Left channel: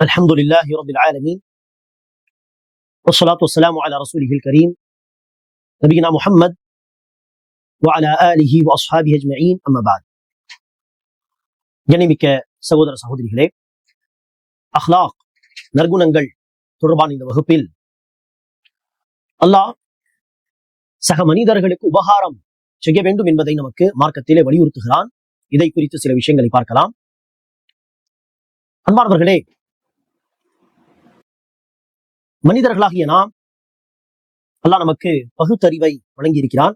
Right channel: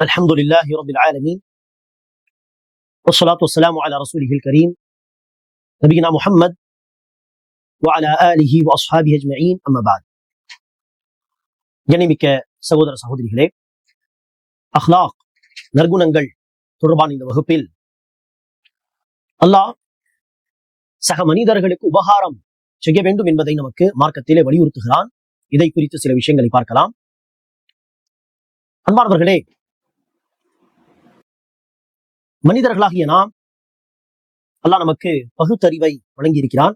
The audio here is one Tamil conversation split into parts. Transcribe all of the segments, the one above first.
الحمد لله رب العالمين والصلاة والسلام على رسوله الكريم نبينا محمد وعلى آله وأصحابه أجمعين أما بعد கண்ணிமிக்க சகோதர சகோதரிகளே அஹ்லாக் நற்குணங்கள் தொடர்பான இந்த வகுப்பில் அல்லாஹ் சக மனிதர்களுக்கு உபகாரம் செய்ய வேண்டும் என்பதை நமக்கு மார்க்கத்திலே வலியுறுத்துகிறான் இதை குறித்து சில விஷயங்களை பார்க்கலாம் அன்பார்ந்தவர்களே மனிதர்களாகிய நாம் அல்லாஹ் நமக்கு பகுத்தறிவை வழங்கியிருக்கிறான்.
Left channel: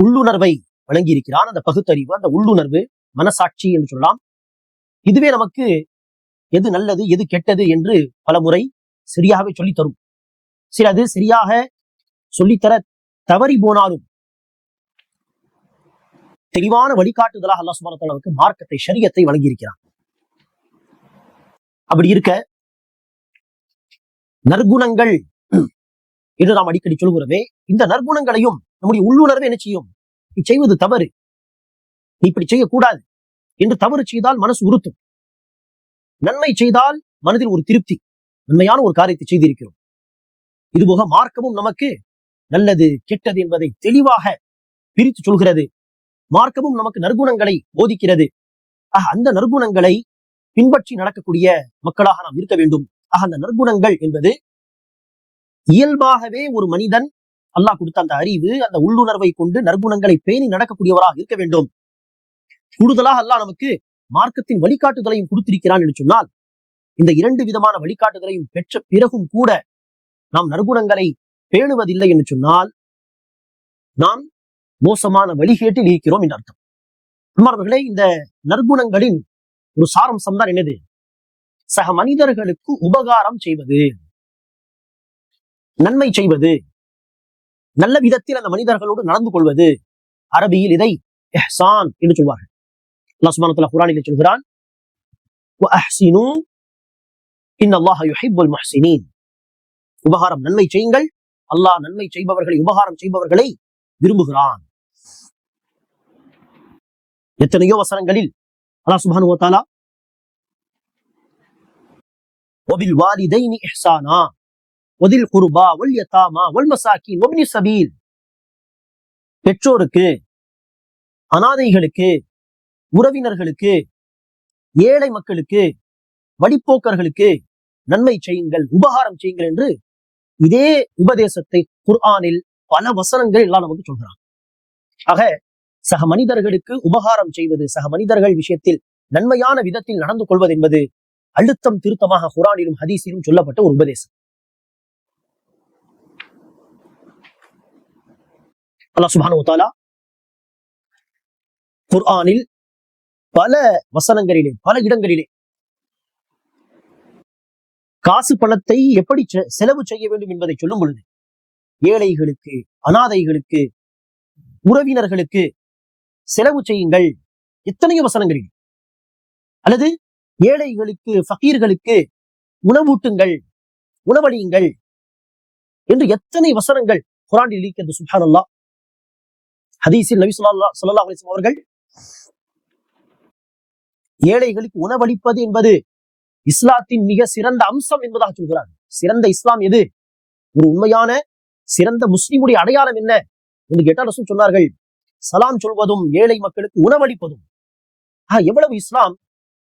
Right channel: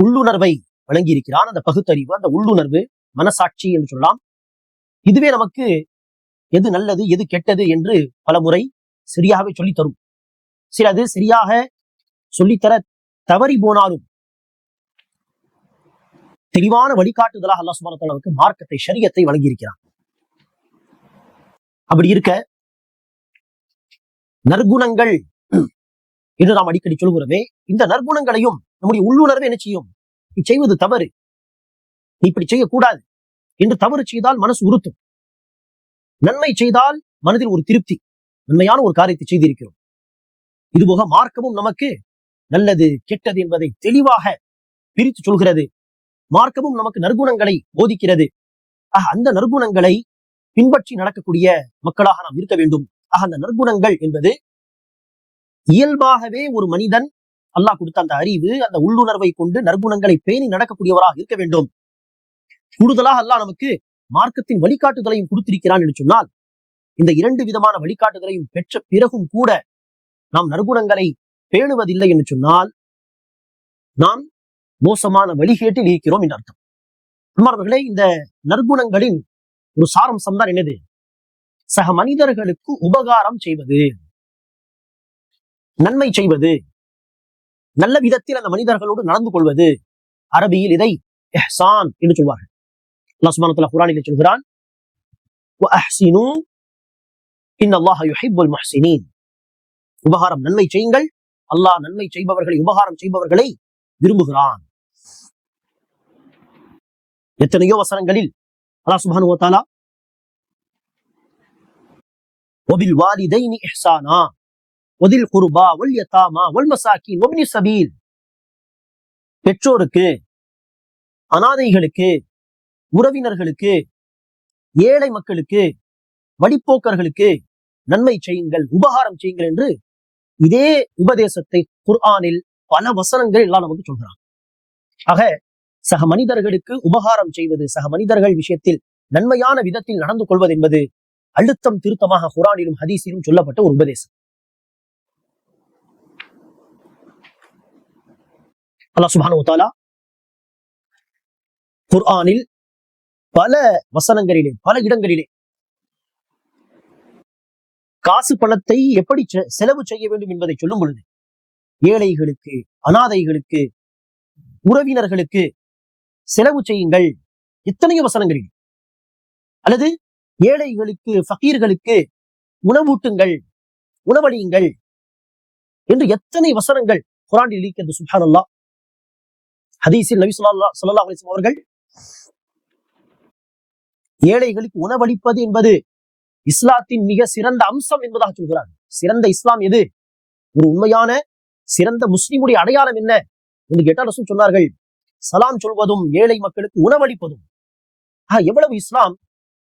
உள்ளுணர்வை வழங்கியிருக்கிறான். அந்த பகுத்தறிவு அந்த உள்ளுணர்வு மனசாட்சி என்று சொல்லலாம். இதுவே நமக்கு எது நல்லது எது கெட்டது என்று பல முறை சரியாகவே சொல்லித்தரும். சரி சிலது சரியாக சொல்லித்தர தவறி போனாலும் தெளிவான வழிகாட்டுதலாக அல்லாஹ் சுப்ஹானஹு நமக்கு மார்க்கத்தை சரியத்தை வழங்கியிருக்கிறான். அப்படி இருக்க நற்குணங்கள். என்று நாம் அடிக்கடி சொல்கிறோமே இந்த நற்குணங்களையும் நம்முடைய உள்ளுணர்வு என்ன செய்யும்? நீ செய்வது தவறு. நீ இப்படி செய்யக்கூடாது. என்று தவறு செய்தால் மனசு உறுத்தும். நன்மை செய்தால் மனதில் ஒரு திருப்தி. நன்மையான ஒரு காரியத்தை செய்திருக்கிறோம். இதுபோக மார்க்கமும் நமக்கு நல்லது கெட்டது என்பதை தெளிவாக பிரித்து சொல்கிறது. மார்க்கமும் நமக்கு நற்குணங்களை போதிக்கிறது. ஆக அந்த நற்குணங்களை பின்பற்றி நடக்கக்கூடிய மக்களாக நாம் இருக்க வேண்டும். அந்த நற்குணங்கள் என்பது இயல்பாகவே ஒரு மனிதன் அல்லாஹ் கொடுத்த அந்த அறிவு அந்த உள்ளுணர்வை கொண்டு நற்குணங்களை பேணி நடக்கக்கூடியவராக இருக்க வேண்டும். கூடுதலாக அல்லாஹ் நமக்கு மார்க்கத்தின் வழிகாட்டுதலையும் கொடுத்திருக்கிறான் என்று சொன்னால் இந்த இரண்டு விதமான வழிகாட்டுதலையும் பெற்ற பிறகும் கூட நாம் நற்குணங்களை பேணுவதில்லை என்று சொன்னால் நாம் மோசமான வழிகேட்டில் இருக்கிறோம் என்று அர்த்தம். அன்பார்ந்தவர்களே இந்த நற்குணங்களின் ஒரு சாரம்சம் தான் என்னது? சக மனிதர்களுக்கு உபகாரம் செய்வது. நன்மை செய்வது. நல்ல விதத்தில் அந்த மனிதர்களோடு நடந்து கொள்வது. அரபியில் இதை எஹ்சான் என்று சொல்வார்கள். அல்லாஹ் குரானில் சொல்கிறான் உபகாரம் நன்மை செய்யுங்கள். அல்லாஹ் நன்மை செய்பவர்களை உபகாரம் செய்பவர்களை விரும்புகிறான். எத்தனையோ வசனங்களில் அல்லாஹ் சுபானு சுப்ஹானஹு வ தஆலா وبالوالدين إحسانا وذي القربى واليتامى والمساكين وابن السبيل பெற்றோருக்கு அனாதைகளுக்கு உறவினர்களுக்கு ஏழை மக்களுக்கு வழிப்போக்கர்களுக்கு நன்மை செய்யுங்கள் உபகாரம் செய்யுங்கள் என்று இதே உபதேசத்தை குர்ஆனில் பல வசனங்கள் எல்லாம் நமக்கு சொல்கிறான் ஆக சக மனிதர்களுக்கு உபகாரம் செய்வது சக மனிதர்கள் விஷயத்தில் நன்மையான விதத்தில் நடந்து கொள்வது என்பது அழுத்தம் திருத்தமாக குரானிலும் ஹதீஸிலும் சொல்லப்பட்ட ஒரு உபதேசம். குர்ஆனில் பல வசனங்களிலே பல இடங்களிலே காசு பணத்தை எப்படி செலவு செய்ய வேண்டும் என்பதை சொல்லும் பொழுது ஏழைகளுக்கு அனாதைகளுக்கு உறவினர்களுக்கு செலவு செய்யுங்கள் எத்தனையோ வசனங்களில். அல்லது ஏழைகளுக்கு ஃபகீர்களுக்கு உணவூட்டுங்கள் உணவளியுங்கள் என்று எத்தனை வசனங்கள் குரானில் சுல்தான் அல்லா ஹதீஸில் நபி சொல்லா சொல்லா அலிஸ்லாம் அவர்கள் ஏழைகளுக்கு உணவளிப்பது என்பது இஸ்லாத்தின் மிக சிறந்த அம்சம் என்பதாக சொல்கிறார். சிறந்த இஸ்லாம் எது? ஒரு உண்மையான சிறந்த முஸ்லிமுடைய அடையாளம் என்ன என்று கேட்டால் ரசூல் சொன்னார்கள் சலாம் சொல்வதும் ஏழை மக்களுக்கு உணவளிப்பதும். எவ்வளவு இஸ்லாம்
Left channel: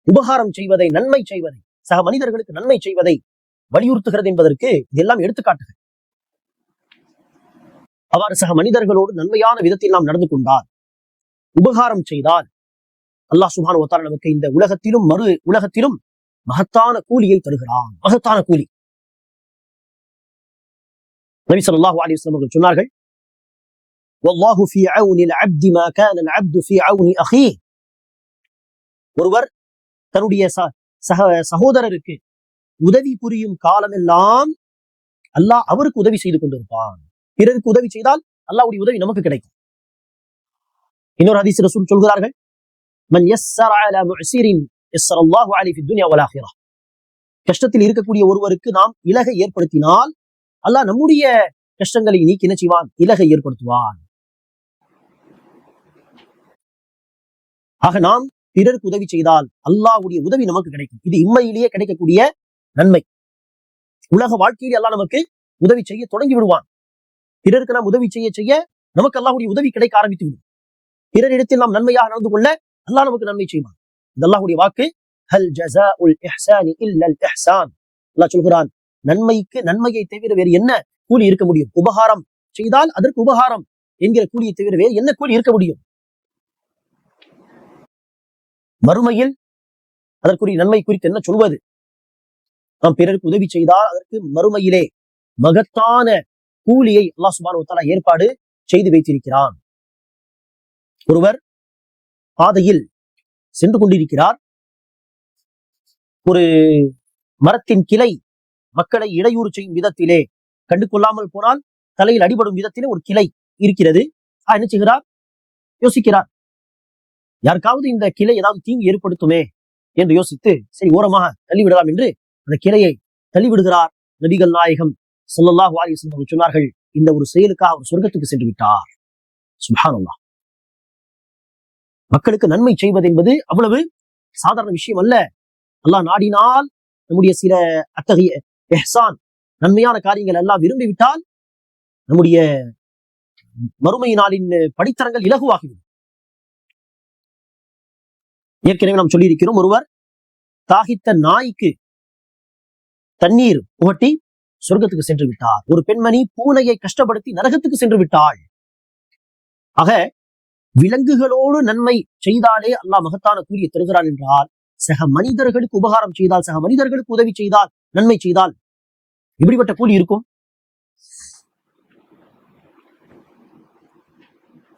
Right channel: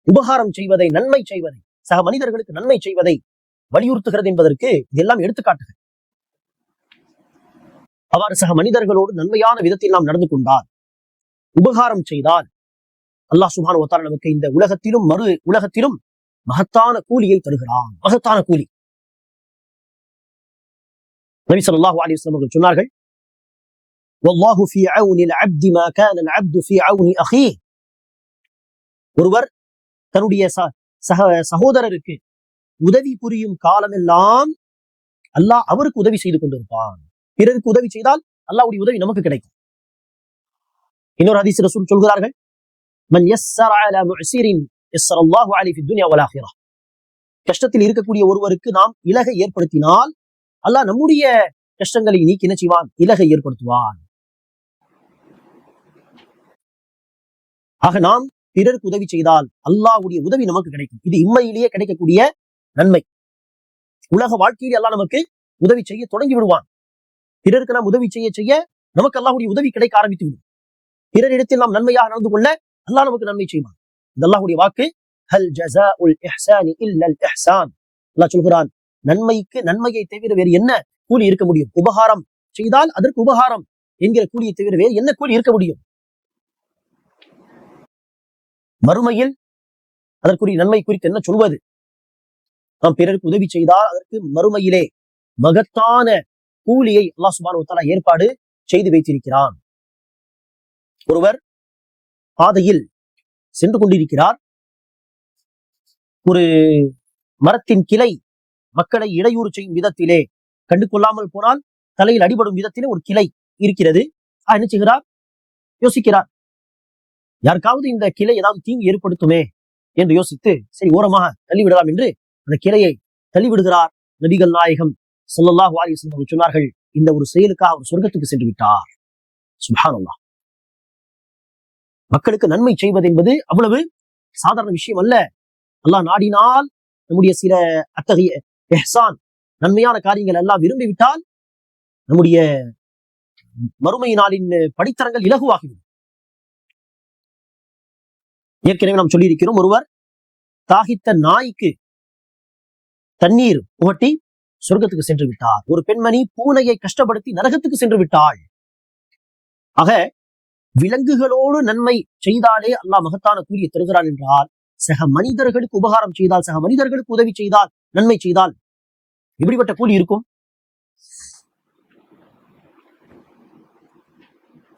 உபகாரம் செய்வதை நன்மை செய்வதை சக மனிதர்களுக்கு நன்மை செய்வதை வலியுறுத்துகிறது என்பதற்கு இதெல்லாம் எடுத்துக்காட்டுகள். அவர் சக மனிதர்களோடு நன்மையான விதத்தில் நாம் நடந்து கொண்டார் உபகாரம் செய்தால் அல்லாஹ் சுபான் ஒத்தார நமக்கு இந்த உலகத்திலும் மறு உலகத்திலும் மகத்தான கூலியை தருகிறான். மகத்தான கூலி. நபி சொல்லாஹு சொன்னார்கள் ஒருவர் தன்னுடைய ச சக சகோதரருக்கு உதவி புரியும் காலமெல்லாம் அல்லாஹ் அவருக்கு உதவி செய்து கொண்டிருப்பான். பிறருக்கு உதவி செய்தால் அல்லாவுடைய உதவி நமக்கு கிடைக்கும். இன்னொரு ஹதீஸ் ரசூல் சொல்கிறார்கள் கஷ்டத்தில் இருக்கக்கூடிய ஒருவருக்கு நாம் இலகை ஏற்படுத்தினால் அல்லாஹ் நம்முடைய கஷ்டங்களை நீக்கி என்ன செய்வான்? இலகை ஏற்படுத்துவான். ஆக நாம் பிறருக்கு உதவி செய்தால் அல்லாஹ்வுடைய உதவி நமக்கு கிடைக்கும். இது இம்மையிலேயே கிடைக்கக்கூடிய நன்மை. உலக வாழ்க்கையில் எல்லாம் நமக்கு உதவி செய்ய தொடங்கி விடுவான். பிறருக்கு நாம் உதவி செய்ய செய்ய நமக்கு அல்லாஹுடைய உதவி கிடைக்க ஆரம்பித்து விடும். பிறரிடத்தில் நாம் நன்மையாக நடந்து கொள்ள அல்லாஹ் நமக்கு நன்மை செய்வான். இது அல்லாஹுடைய வாக்கு. ஹல் ஜஸாஉல் இஹ்சானி இல்லல் இஹ்சான் அல்லாஹ் சொல்கிறான் நன்மைக்கு நன்மையை தவிர வேறு என்ன கூலி இருக்க முடியும்? உபகாரம் செய்தால் அதற்கு உபகாரம் என்கிற கூலியை தவிர வேறு என்ன கூலி இருக்க முடியும்? மறுமையில் அதற்குரிய நன்மை குறித்து என்ன சொல்வது? நாம் பிறருக்கு உதவி செய்தால் அதற்கு மறுமையிலே மகத்தான கூலியை அல்லாஹ் சுப்ஹானஹு ஏற்பாடு செய்து வைத்திருக்கிறான். ஒருவர் பாதையில் சென்று கொண்டிருக்கிறார். ஒரு மரத்தின் கிளை மக்களை இடையூறு செய்யும் விதத்திலே கண்டு கொள்ளாமல் போனால் தலையில் அடிபடும் விதத்திலே ஒரு கிளை இருக்கிறது. ஆஹ் என்ன செய்கிறார்? யோசிக்கிறார். யாருக்காவது இந்த கிளை ஏதாவது தீங்கு ஏற்படுத்துமே என்று யோசித்து சரி ஓரமாக தள்ளிவிடலாம் என்று அந்த கிளையை தள்ளிவிடுகிறார் நபிகள் நாயகம் ஸல்லல்லாஹு அலைஹி அவர் சொன்னார்கள் இந்த ஒரு செயலுக்காக அவர் சொர்க்கத்துக்கு சென்று விட்டார். சுபானல்லா மக்களுக்கு நன்மை செய்வது என்பது அவ்வளவு சாதாரண விஷயம் அல்ல. அல்லாஹ் நாடினால் நம்முடைய சில அத்தகைய எஹ்சான் நன்மையான காரியங்கள் எல்லாம் விரும்பிவிட்டால் நம்முடைய மறுமை நாளின் படித்தரங்கள் இலகுவாகிவிடும். ஏற்கனவே நாம் சொல்லியிருக்கிறோம். ஒருவர் தாகித்த நாய்க்கு தண்ணீர் புகட்டி சொர்க்கத்துக்கு சென்று விட்டார். ஒரு பெண்மணி பூனையை கஷ்டப்படுத்தி நரகத்துக்கு சென்று விட்டாள். ஆக விலங்குகளோடு நன்மை செய்தாலே அல்லாஹ் மகத்தான கூறிய தருகிறான் என்றால் சக மனிதர்களுக்கு உபகாரம் செய்தால் சக மனிதர்களுக்கு உதவி செய்தால் நன்மை செய்தால் இப்படிப்பட்ட கூலி இருக்கும்?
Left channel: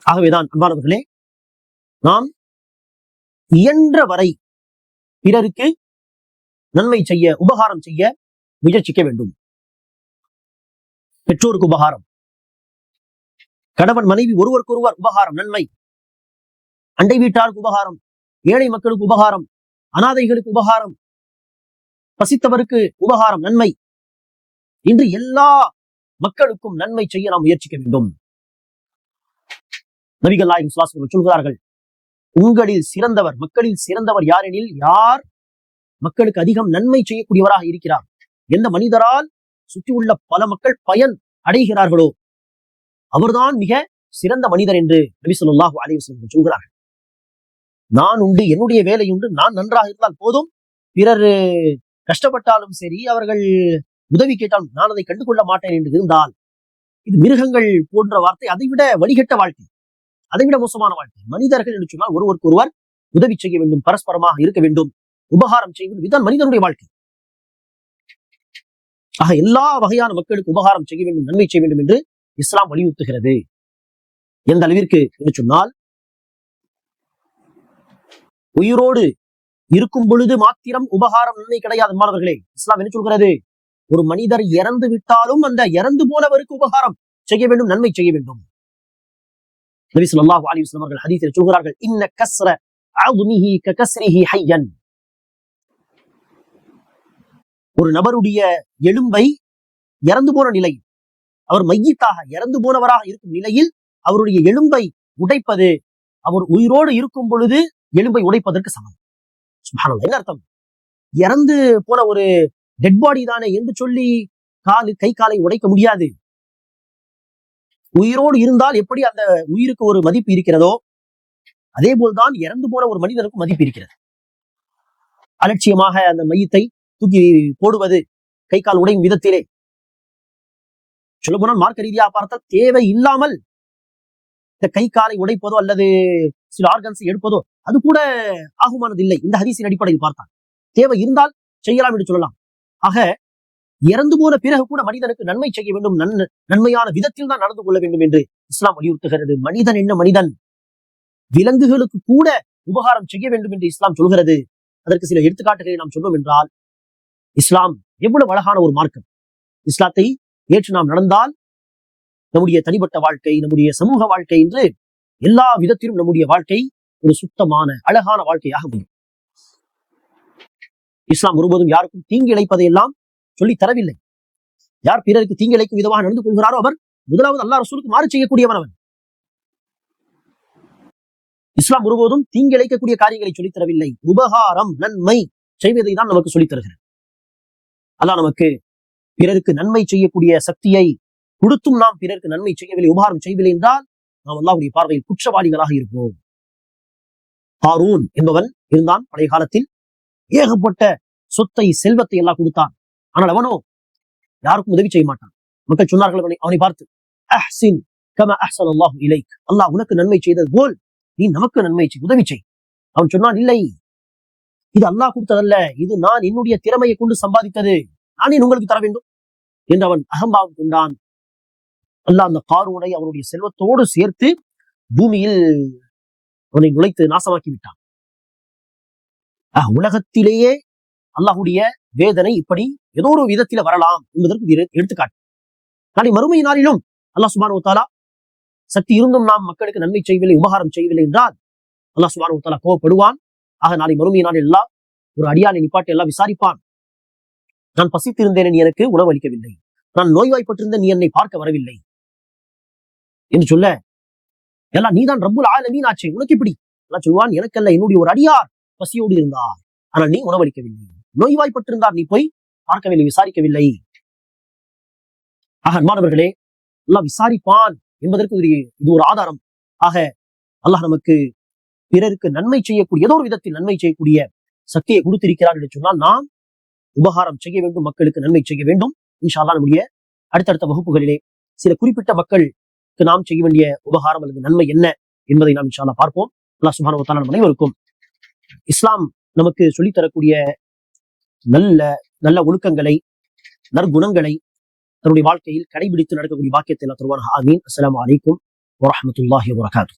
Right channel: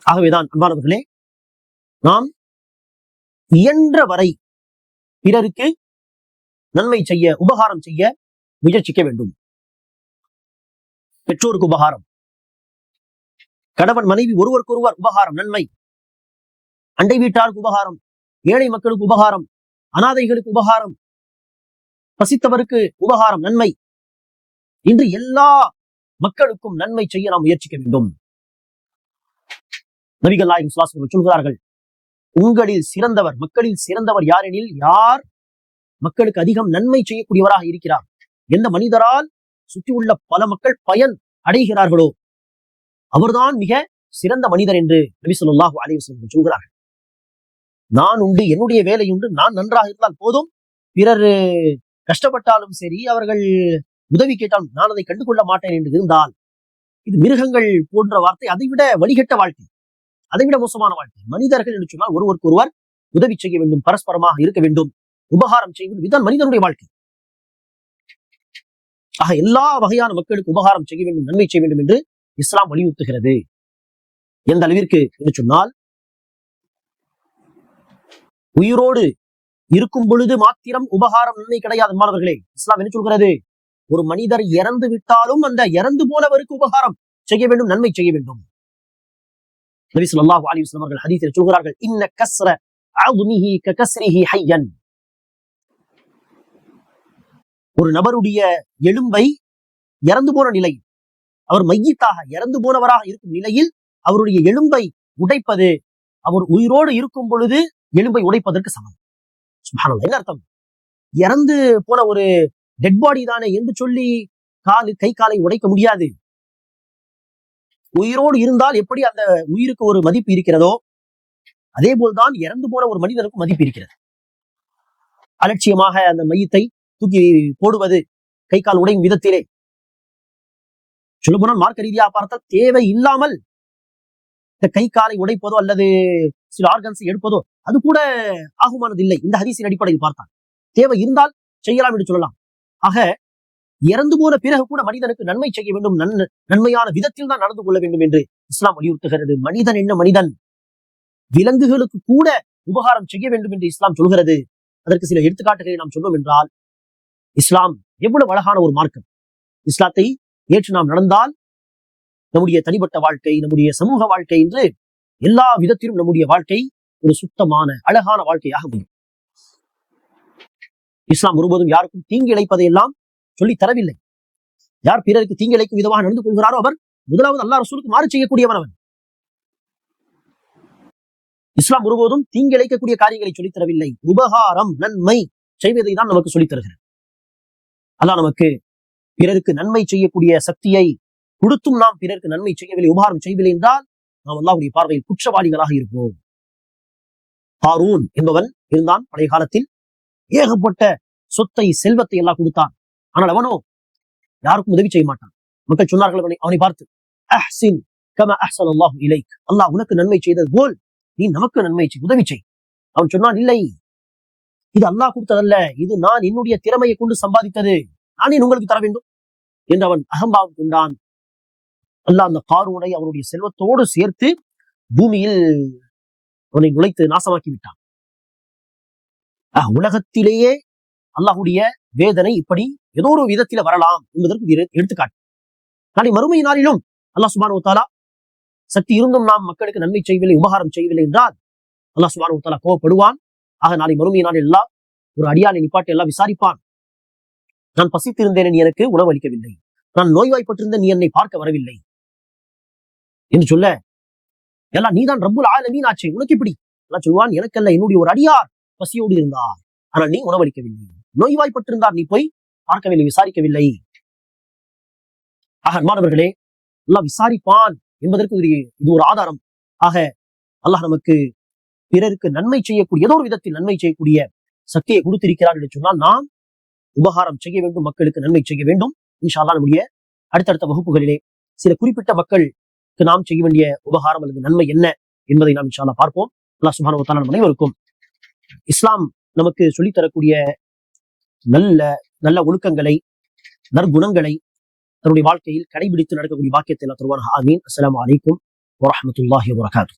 ஆகவேதான் அன்பானவர்களே நாம் இயன்ற வரை பிறருக்கு நன்மை செய்ய உபகாரம் செய்ய முயற்சிக்க வேண்டும். பெற்றோருக்கு உபகாரம். கணவன் மனைவி ஒருவருக்கொருவர் உபகாரம் நன்மை. அண்டை வீட்டாருக்கு உபகாரம் ஏழை மக்களுக்கு உபகாரம் அனாதைகளுக்கு உபகாரம் பசித்தவருக்கு உபகாரம் நன்மை. இன்று எல்லா மக்களுக்கும் நன்மை செய்ய நாம் முயற்சிக்க வேண்டும். நபிகள் நாயகம் சொல்கிறார்கள் உங்களில் சிறந்தவர் மக்களில் சிறந்தவர் யார் எனில் யார் மக்களுக்கு அதிகம் நன்மை செய்யக்கூடியவராக இருக்கிறார்? எந்த மனிதரால் சுற்றி உள்ள பல மக்கள் பயன் அடைகிறார்களோ அவர்தான் மிக சிறந்த மனிதர் என்று நபி ஸல்லல்லாஹு அலைஹி சொல்கிறார்கள். நான் உண்டு என்னுடைய வேலை உண்டு நான் நன்றாக இருந்தால் போதும். பிறர் கஷ்டப்பட்டாலும் சரி அவர்கள் உதவி கேட்டாலும் நான் அதை கண்டுகொள்ள மாட்டேன் என்று இருந்தால் இது மிருகங்கள் போன்ற வார்த்தை அதைவிட வழிகட்ட வாழ்க்கை. அதைவிட மோசமான வாழ்க்கை. மனிதர்கள் என்று சொன்னால் ஒருவருக்கு ஒருவர் உதவி செய்ய வேண்டும் பரஸ்பரமாக இருக்க வேண்டும் உபகாரம் செய்வது இதுதான் மனிதனுடைய வாழ்க்கை. ஆக எல்லா வகையான மக்களுக்கு உபகாரம் செய்ய வேண்டும் நன்மை செய்ய வேண்டும் என்று இஸ்லாம் வலியுறுத்துகிறது. எந்த அளவிற்கு என்று சொன்னால் உயிரோடு இருக்கும் பொழுது மாத்திரம் உபகாரம் நன்மை கிடையாது மாணவர்களே இஸ்லாம் என்ன சொல்கிறது? ஒரு மனிதர் இறந்து விட்டாலும் அந்த இறந்து போனவருக்கு உபகாரம் செய்ய வேண்டும் நன்மை செய்ய வேண்டும். நபி சொல்லாஹு அலி வஸ்லம் அவர்கள் ஹதீஸில் சொல்கிறார்கள் இன்ன கஸ்ர அவ்னிஹி ககஸ்ரிஹி ஹையன். ஒரு நபருடைய எலும்பை இறந்து போன நிலை அவர் மையத்தாக இறந்து போனவராக இருக்கும் நிலையில் அவருடைய எலும்பை உடைப்பது அவர் உயிரோடு இருக்கும் பொழுது எலும்பை உடைப்பதற்கு சமம். சுப்ஹானல்லாஹ் என்ன அர்த்தம்? இறந்து போன ஒரு டெட் பாடி தானே என்று சொல்லி காலு கை காலை உடைக்க முடியாது. உயிரோடு இருந்தால் எப்படி அந்த உயிருக்கு ஒரு மதிப்பு இருக்கிறதோ அதே போல்தான் இறந்து போன ஒரு மனிதனுக்கு மதிப்பு இருக்கிறது. அலட்சியமாக அந்த மையத்தை தூக்கி போடுவது கை கால் உடையும் விதத்திலே. சொல்ல போனால் மார்க்க ரீதியாக பார்த்தால் தேவை இல்லாமல் இந்த கை காலை உடைப்பதோ அல்லது சில ஆர்கன்ஸ் எடுப்பதோ அது கூட ஆகுமானது இல்லை இந்த ஹரிசின் அடிப்படையில் பார்த்தால். தேவை இருந்தால் செய்யலாம் என்று சொல்லலாம். ஆக இறந்து போன பிறகு கூட மனிதனுக்கு நன்மை செய்ய வேண்டும். நன் நன்மையான விதத்தில் தான் நடந்து கொள்ள வேண்டும் என்று இஸ்லாம் வலியுறுத்துகிறது. மனிதன் என்ன மனிதன்? விலங்குகளுக்கு கூட உபகாரம் செய்ய வேண்டும் என்று இஸ்லாம் சொல்கிறது. அதற்கு சில எடுத்துக்காட்டுகளை நாம் சொன்னோம் என்றால் இஸ்லாம் எவ்வளவு அழகான ஒரு மார்க்கம். இஸ்லாத்தை ஏற்று நாம் நடந்தால் நம்முடைய தனிப்பட்ட வாழ்க்கை நம்முடைய சமூக வாழ்க்கை என்று எல்லா விதத்திலும் நம்முடைய வாழ்க்கை ஒரு சுத்தமான அழகான வாழ்க்கையாக முடியும் இஸ்லாம் ஒருபோதும் யாருக்கும் தீங்கு இழைப்பதை எல்லாம் சொல்லி தரவில்லை. யார் பிறருக்கு தீங்கிழைக்கும் விதமாக நடந்து கொள்கிறாரோ அவர் முதலாவது அல்லா ரசூலுக்கு மாறு செய்யக்கூடியவன் அவன். இஸ்லாம் ஒருபோதும் தீங்கிழைக்கக்கூடிய காரியங்களை சொல்லித் தரவில்லை. உபகாரம் நன்மை செய்வதை தான் நமக்கு சொல்லித் தருகிறது. அதான் நமக்கு பிறருக்கு நன்மை செய்யக்கூடிய சக்தியை கொடுத்தும் நாம் பிறருக்கு நன்மை செய்யவில்லை உபகாரம் செய்யவில்லை என்றால் நாம் அல்லாவுடைய பார்வையில் குற்றவாளிகளாக இருப்போம். ஹாரூன் என்பவன் இருந்தான் பழைய காலத்தில் ஏகப்பட்ட சொத்தை செல்வத்தை எல்லாம் கொடுத்தான். ஆனால் அவனோ யாருக்கும் உதவி செய்ய மாட்டான். மக்கள் சொன்னார்கள் அவனை அவனை பார்த்து அஹ்சின் கம அஹ்சன் அல்லாஹ் அல்லாஹ் உனக்கு நன்மை செய்தது போல் நீ நமக்கு நன்மை செய் உதவி செய். அவன் சொன்னான் இல்லை இது அல்லாஹ் கொடுத்ததல்ல இது நான் என்னுடைய திறமையை கொண்டு சம்பாதித்தது. நான் உங்களுக்கு தர வேண்டும். என்று அவன் அகம்பாவம் கொண்டான். அல்லாஹ் அந்த காரூனை அவனுடைய செல்வத்தோடு சேர்த்து பூமியில் அவனை நுழைத்து நாசமாக்கி விட்டான். உலகத்திலேயே அல்லாஹுடைய வேதனை இப்படி ஏதோ ஒரு விதத்தில் வரலாம் என்பதற்கு எடுத்துக்காட்டு. நாளை மறுமை நாளிலும் அல்லாஹ் சுபானு தாலா சக்தி இருந்தும் நாம் மக்களுக்கு நன்மை செய்யவில்லை உபகாரம் செய்யவில்லை என்றால் அல்லாஹ் சுபானு தாலா கோவப்படுவான். ஆக நாளை மறுமை நாள் எல்லாம் ஒரு அடியானை நிப்பாட்டி எல்லாம் விசாரிப்பான். நான் பசித்திருந்தேன் நீ எனக்கு உணவு அளிக்கவில்லை. நான் நோய்வாய்ப்பட்டிருந்த நீ என்னை பார்க்க வரவில்லை. என்று சொல்ல எல்லாம் நீதான் ரப்புல் ஆலமீன் ஆச்சு உனக்கு எப்படி? எல்லாம் சொல்வான் எனக்கல்ல என்னுடைய ஒரு அடியார் பசியோடு இருந்தார். ஆனால் நீ உணவளிக்கவில்லை நோய்வாய்ப்பட்டிருந்தார் நீ போய் பார்க்கவில்லை விசாரிக்கவில்லை. ஆக அன்பானவர்களே அல்லாஹ் விசாரிப்பான் என்பதற்கு இது இது ஒரு ஆதாரம். ஆக அல்லாஹ் நமக்கு பிறருக்கு நன்மை செய்யக்கூடிய ஏதோ ஒரு விதத்தில் நன்மை செய்யக்கூடிய சக்தியை கொடுத்திருக்கிறார் என்று சொன்னால் நாம் உபகாரம் செய்ய வேண்டும் மக்களுக்கு நன்மை செய்ய வேண்டும். இன்ஷால்லா நம்முடைய அடுத்தடுத்த வகுப்புகளிலே சில குறிப்பிட்ட மக்களுக்கு நாம் செய்ய வேண்டிய உபகாரம் அல்லது நன்மை என்ன என்பதை நாம் இன்ஷால்லா பார்ப்போம். அல்லா சுபான வ அனைவருக்கும் இஸ்லாம் நமக்கு சொல்லித் தரக்கூடிய நல்ல நல்ல ஒழுக்கங்களை நற்குணங்களை தன்னுடைய வாழ்க்கையில் கடைபிடித்து நடக்கக்கூடிய பாக்கியத்தை எல்லாம் தருவார்கள் ஆமீன். அஸ்லாம் அலைக்கும் வரமத்துல்லாஹி வரகாத்து